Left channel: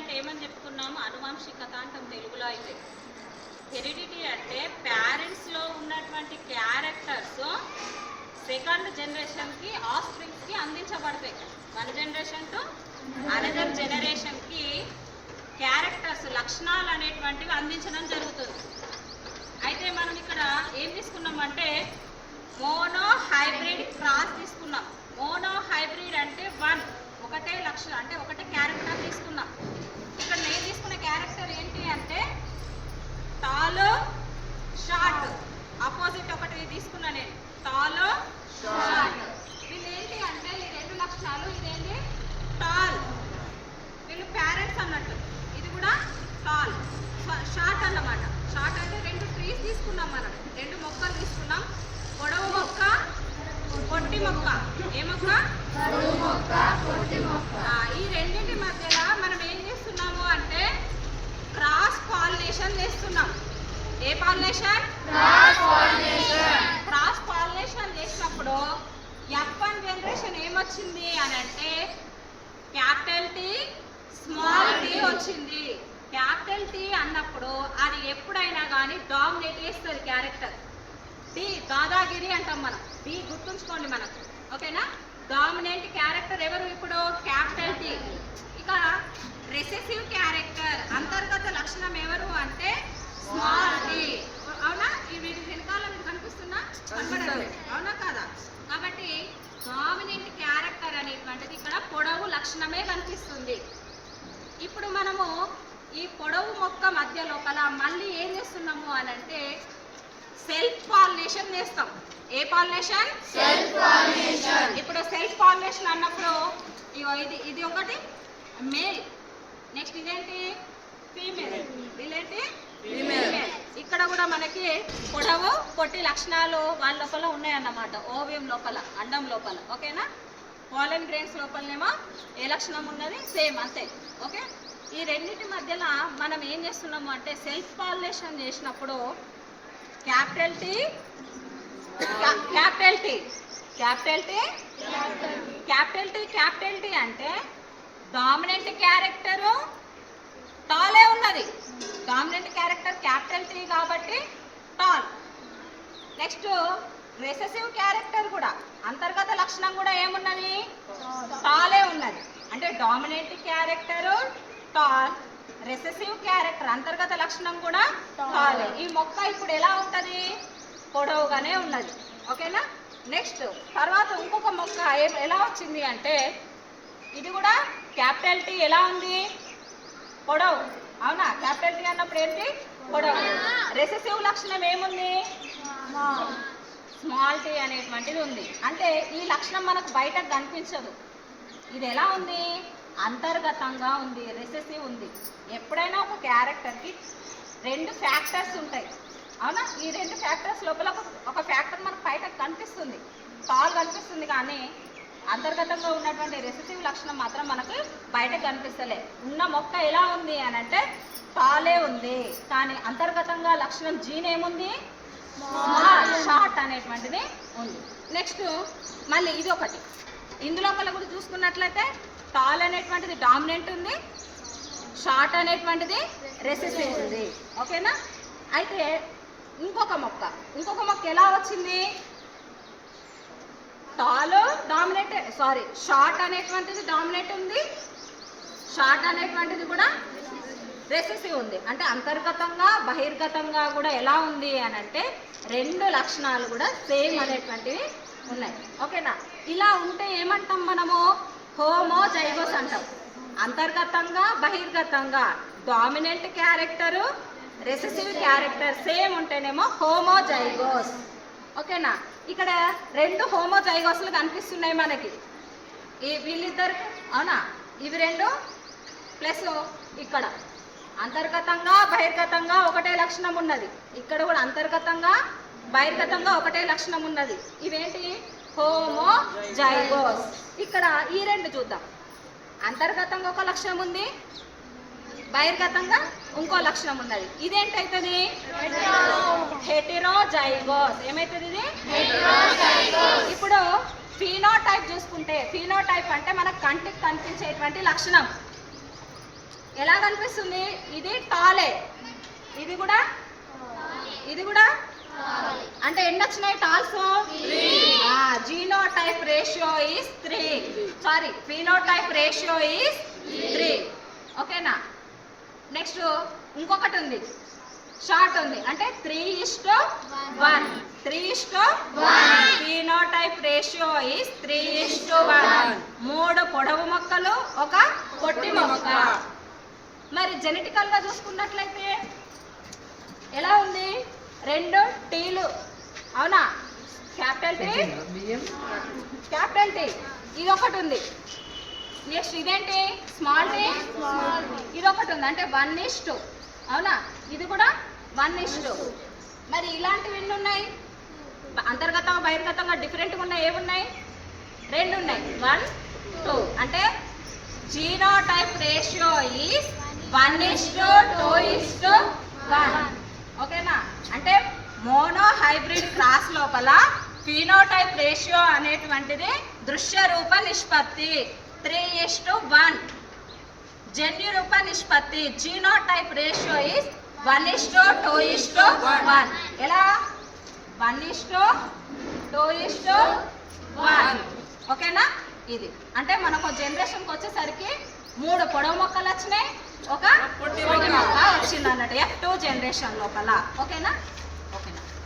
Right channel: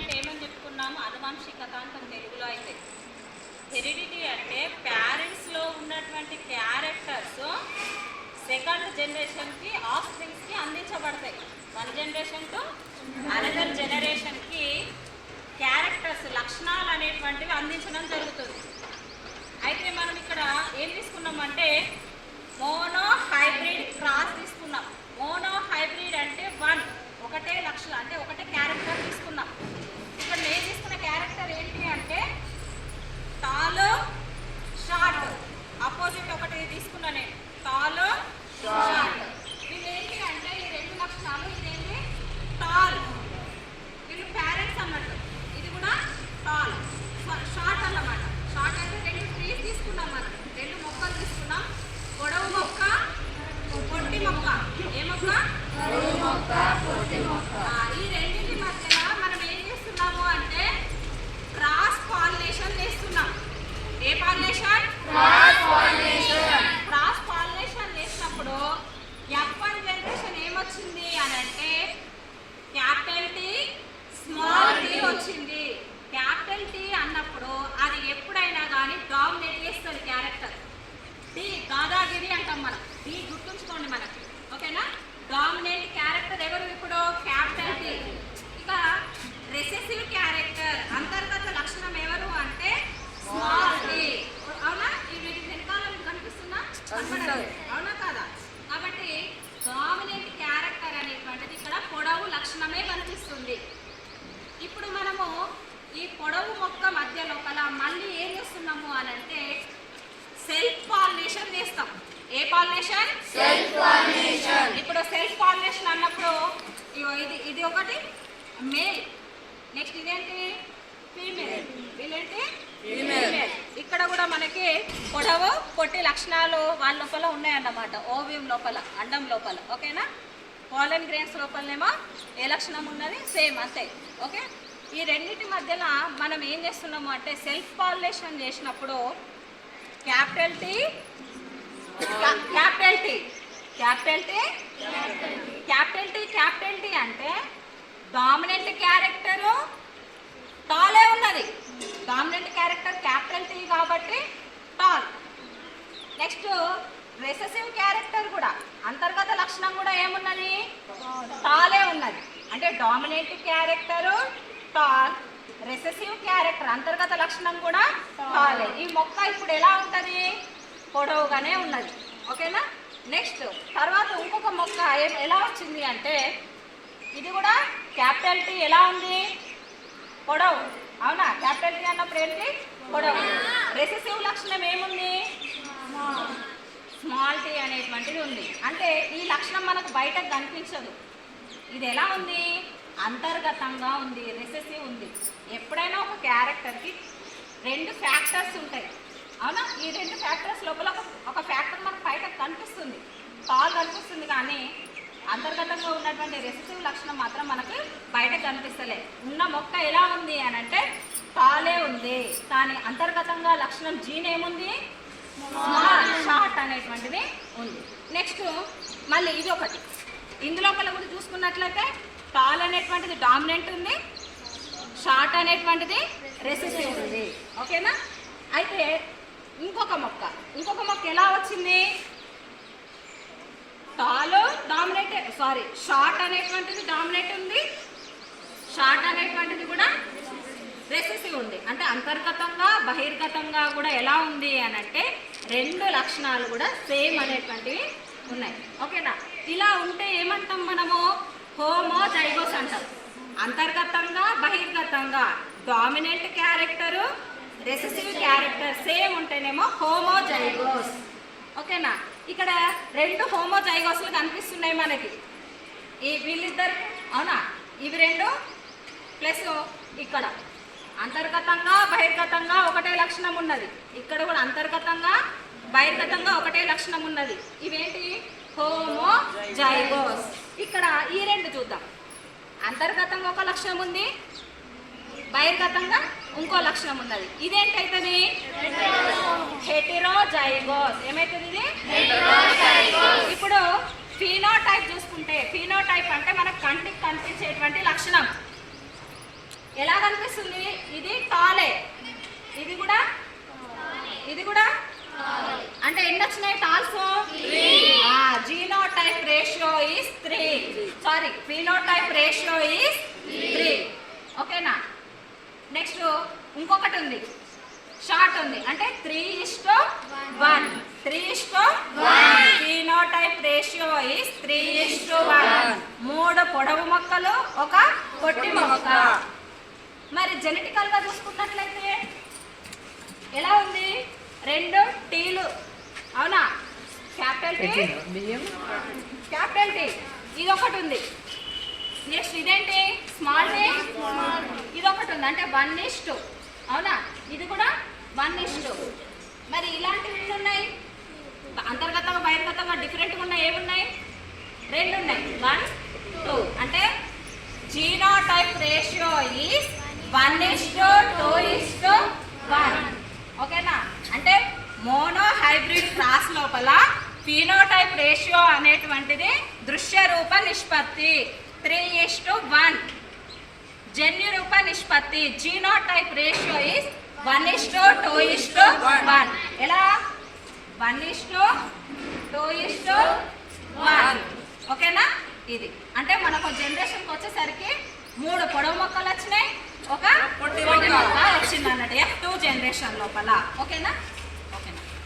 అంటే ఏమని చెప్పుకున్నాము? అనువంశికత అంటాం తెలుగులో. అయితే హెరిడిటీ అంటే పేరెంట్స్లో ఉన్నటువంటి క్యారెక్టర్స్ సెకండ్ జనరేషన్కి ఆఫ్స్ప్రింగ్స్కి అందించబడతాయి. వన్ జనరేషన్ టు అనదర్ జనరేషన్కి క్యారెక్టర్స్ లక్షణాలు అనేటువంటివి అందించడం జరుగుతుంది. అయితే మనం ఇక్కడ ఏం తీసుకున్నామంటే మోనో హైబ్రిడ్ క్రాస్ తీసుకున్నాం. మోనో హైబ్రిడ్ అంటే ఒకటే లక్షణం, అంటే ఒకటే క్యారెక్టర్ తీసుకున్నాం. ఇక్కడ నేను తీసుకున్న క్యారెక్టర్ ఏంటి అంటే టాల్ షార్ట్, ఆపోజిట్ ఒకటి తీసుకున్నా నేను, టాల్ షార్ట్. వీళ్ళు ఏంటి అంటే ఈ రెండు లక్షణాలు, ఇదేంటి టాల్, వీళ్ళు పేరెంట్స్ అన్నట్టు, ఇది కూడా టాల్ షార్ట్ అన్నమాట. షార్ట్ అయితే రెండు ట్రీస్ తీసుకున్నాం, మనం రెండు మొక్కలు తీసుకున్నాం, పొడవు మొక్క పొట్టి మొక్క. ఏ మొక్క? ఈ రెండింటి మధ్యలో మనం ఏం చేస్తున్నాము అంటే క్రాస్ పాలినేషన్ చేస్తున్నాం. ఏ పాలినేషన్? క్రాస్ పాలినేషన్ చేసినప్పుడు F1 జనరేషన్ ఏమొచ్చింది అని అంటే క్యాపిటల్ టీ స్మాల్ టీ వచ్చింది. క్యాపిటల్ టీ అన్నప్పుడు అది ఎప్పుడైనా కానీ డామినేట్ చేస్తుంది క్యారెక్టర్. టీ దాదాగిరి అంటాం మనం, టీ గుర్తుంచుకోండి మనకి, ఓకేనా? డామినెంట్ క్యారెక్టర్ ఎవరు? ఇప్పుడు క్యాపిటల్ టీ. ఇక రెసెసివ్ క్యారెక్టర్ అంతర్గత లక్షణం ఎవరు అంటే స్మాల్ టీ. అవునా? ఇవి వెనకాల కనిపిస్తున్నా కనబడలేదు, అవునా కాదా? కాబట్టి డామినెంట్ క్యారెక్టర్ అనేటువంటిది ఇక్కడ పొడవు లక్షణమే కనిపిస్తుంది. ఇప్పుడు మనము ఈ పొడవు మొక్క మధ్య లోపల మళ్ళీ ఏం చేస్తున్నాము అని అంటే సెల్ఫ్ పాలినేషన్ చేస్తాం. ఏ పాలినేషన్? Self pollination. ఇప్పుడు సెల్ఫ్ పాలినేషన్ అన్నప్పుడు ఇది ఒకటి మేల్, నెక్స్ట్ ఇదేంటి ఫీమేల్, వీళ్ళేంటి ఫీమేల్. ఇక్కడ కూడా మనకి పొడవు పొట్టి లక్షణాలు వాళ్ళ లోపల ఉన్నాయన్నమాట. ఓవియం లోపల, అండం లోపల, ఓకేనా? పోలన్ గ్రెయిన్స్ లోపలనేమో ఏ లక్షణం ఉన్నది? సేమ్, అంతే. ఓకే, ఈ రెండింటి మధ్యలో మనం ఏం చేస్తున్నాము అంటే సెల్ఫ్ పాలినేషన్ చేసినప్పుడు క్యాపిటల్ టీ అంటే డామినెంట్ క్యారెక్టర్ టాలే ఉన్నది. డామినెంట్ క్యారెక్టర్ క్యాపిటల్ టీ కాబట్టి టాల్. నెక్స్ట్ రెసెసివ్ క్యారెక్టర్ కూడా అంతర్గత లక్షణం కూడా ఏమున్నది? టాలే ఉన్నది. అంటే dominant character tall, recessive character అంతర్గత లక్షణం కూడా టాలే. ఈ మొక్క ఇప్పుడు ఎలా ఉంటుంది? పొడవుగానే ఉన్నది, ఓకేనా? నెక్స్ట్ తర్వాత ఇంకొక మొక్క ఎలా వచ్చింది అంటే ఇది కూడా క్యాపిటల్ టీ ఎలా ఉంది? పొడవు, అవునా? క్యాపిటల్ టీ అన్నప్పుడు ఏంటి? పొడవు. రెసెసివ్ లక్షణం ఏముంది? స్మాల్ టీ అనేటువంటిది ఉంది. అంటే ఈ లక్షణం మనకు బయటకు కనిపించదు. ఇది ఎలా ఉంది? అంతర్గతంగా ఉంది, రెసెసివ్ ఉంది. ఎప్పుడైనా ఒక క్యారెక్టర్కి రెండు ఫ్యాక్టర్స్ ఉంటాయి, అవునా? ఈ రెండు ఫ్యాక్టర్స్ లోపల ఒక ఫ్యాక్టర్ మనకు బయటకు కనిపిస్తుంది, టాల్ కనిపిస్తుంది, కానీ అంతర్గతంగా ఉన్నటువంటి రెసెసివ్ లక్షణం మాత్రం మనకు బయటకు కనిపిస్తలే. ఉన్న మొక్క ఎలా ఉంది అని అంటే టాలే ఉంది, కానీ అంతర్గతంగా లక్షణం జీన్ ఏముంది? స్మాల్ షార్ట్ అనేటువంటిది ఉంది. నెక్స్ట్ మళ్ళీ ఇది ఒకటి, ఇందులోపల కూడా చూసుకున్నట్లయితే టాల్ అనేటువంటిది డామినెంట్ ఉంది, షార్ట్ అనేటువంటిది రెసెసివ్ ఉంది, ఓకేనా? అయితే ఇంకొక మొక్క ఎలా వచ్చింది? టాల్ డామినేట్, షార్ట్ అనేటువంటిది డామినేట్ ఉంది, షార్ట్ అనేటువంటిది కూడా రెసెసివ్ ఉంది. అంటే అంతర్గతంగా బహిర్గతంగా కూడా ఎలా ఉంది అని అంటే రెండు లక్షణాలు కూడా సేమ్ అనేటువంటివి ఉన్నాయి, ఓకేనా? ఇలా ఉంటే ఏమంటాం మనము? హోమోజైగోస్ అంటాం. అంతర్గతంగా బహిర్గతంగా dominant character recessive character same ఉంటేనేమో హోమోజైగోస్, ఓకేనా? ఇక్కడ రెండు హోమోజైగోస్లు కనిపిస్తున్నాయి మనకి, ఈ వీళ్ళిద్దరు, అవునా? ఇవి రెండు ప్లస్ ఇక్కడ అంతర్గతంగా బహిర్గతంగా ఒకటే లక్షణం ఉన్నది, ఇక్కడ కూడా అంతర్గతంగా బహిర్గతంగా ఒకటే లక్షణం ఉన్నది. ఇవేంటి? హోమోజైగోస్. ఇక్కడ ఈ రెండు చూద్దాం. అంతర్గతంగా ఒక లక్షణం ఉంది, బహిర్గతంగా ఇంకో లక్షణం ఉన్నది. ఇదేంటవుతుంది? హెటెరోజైగోస్. ఏమవుతుంది ఇది? ఇప్పుడు ఫీనోటైప్ చూసుకుంటే, ఫీనోటైప్ అంటే మనకు కంటికి కనిపించేటువంటి లక్షణం. ఎలా కనిపిస్తుంది? ఇది టాలే, ఇది కూడా అంటే ఎన్ని వచ్చినాయి talls? Genotype ratio is 3. Sorry, phenotype ratio is 3. ఓకేనా? నెక్స్ట్ ఇంకొకటి ఉంది, షార్ట్ ఉంది, అంటే 3:1. 3:1. Phenotype ratio is 3:1. 3 పొడవు మొక్కలు, ఒక పొట్టి మొక్క. మరి జెనెటికల్ గా చూసుకున్నట్లయితే ఎలా ఉంది? 2 టీలు, అవునా? క్యాపిటల్ టీ, ఇది ఒకటి ఉంది. నెక్స్ట్ ఇదేంటి? స్మాల్ టీ, ఇది ఒకటి ఉంది, అంటే 1:2. అవునా? ఇది కూడా 1:2. మరి ఇలాంటివి ఎన్ని ఉన్నాయి? అంతర్గతంగా బహిర్గతంగా డిఫరెంట్గా ఉన్నాయి. ఏమున్నాయి? 2 ఉన్నాయి. 1, 2. అంటే జీనోటైప్ రేషియో ఈస్ 1:2:1. ఓకేనా? అంటే మోనో హైబ్రిడ్ క్రాస్ లోపల ఫినోటైప్ రేషియో అనేటువంటిది దృశ్య రూప నిష్పత్తి 3:1. జన్యు రూప నిష్పత్తి జీనోటైప్ రేషియో ఈస్ 1:2:1. ఎలా? 1:2:1. ఓకేనా? ఇది అంటే మనకు జనరేషన్కి వచ్చేసరికి 3 పొడవు మొక్కలు వచ్చినాయి, ఒక పొట్టి మొక్క వచ్చింది అన్నట్టు F2 జనరేషన్ లోపల. ఓకేనా?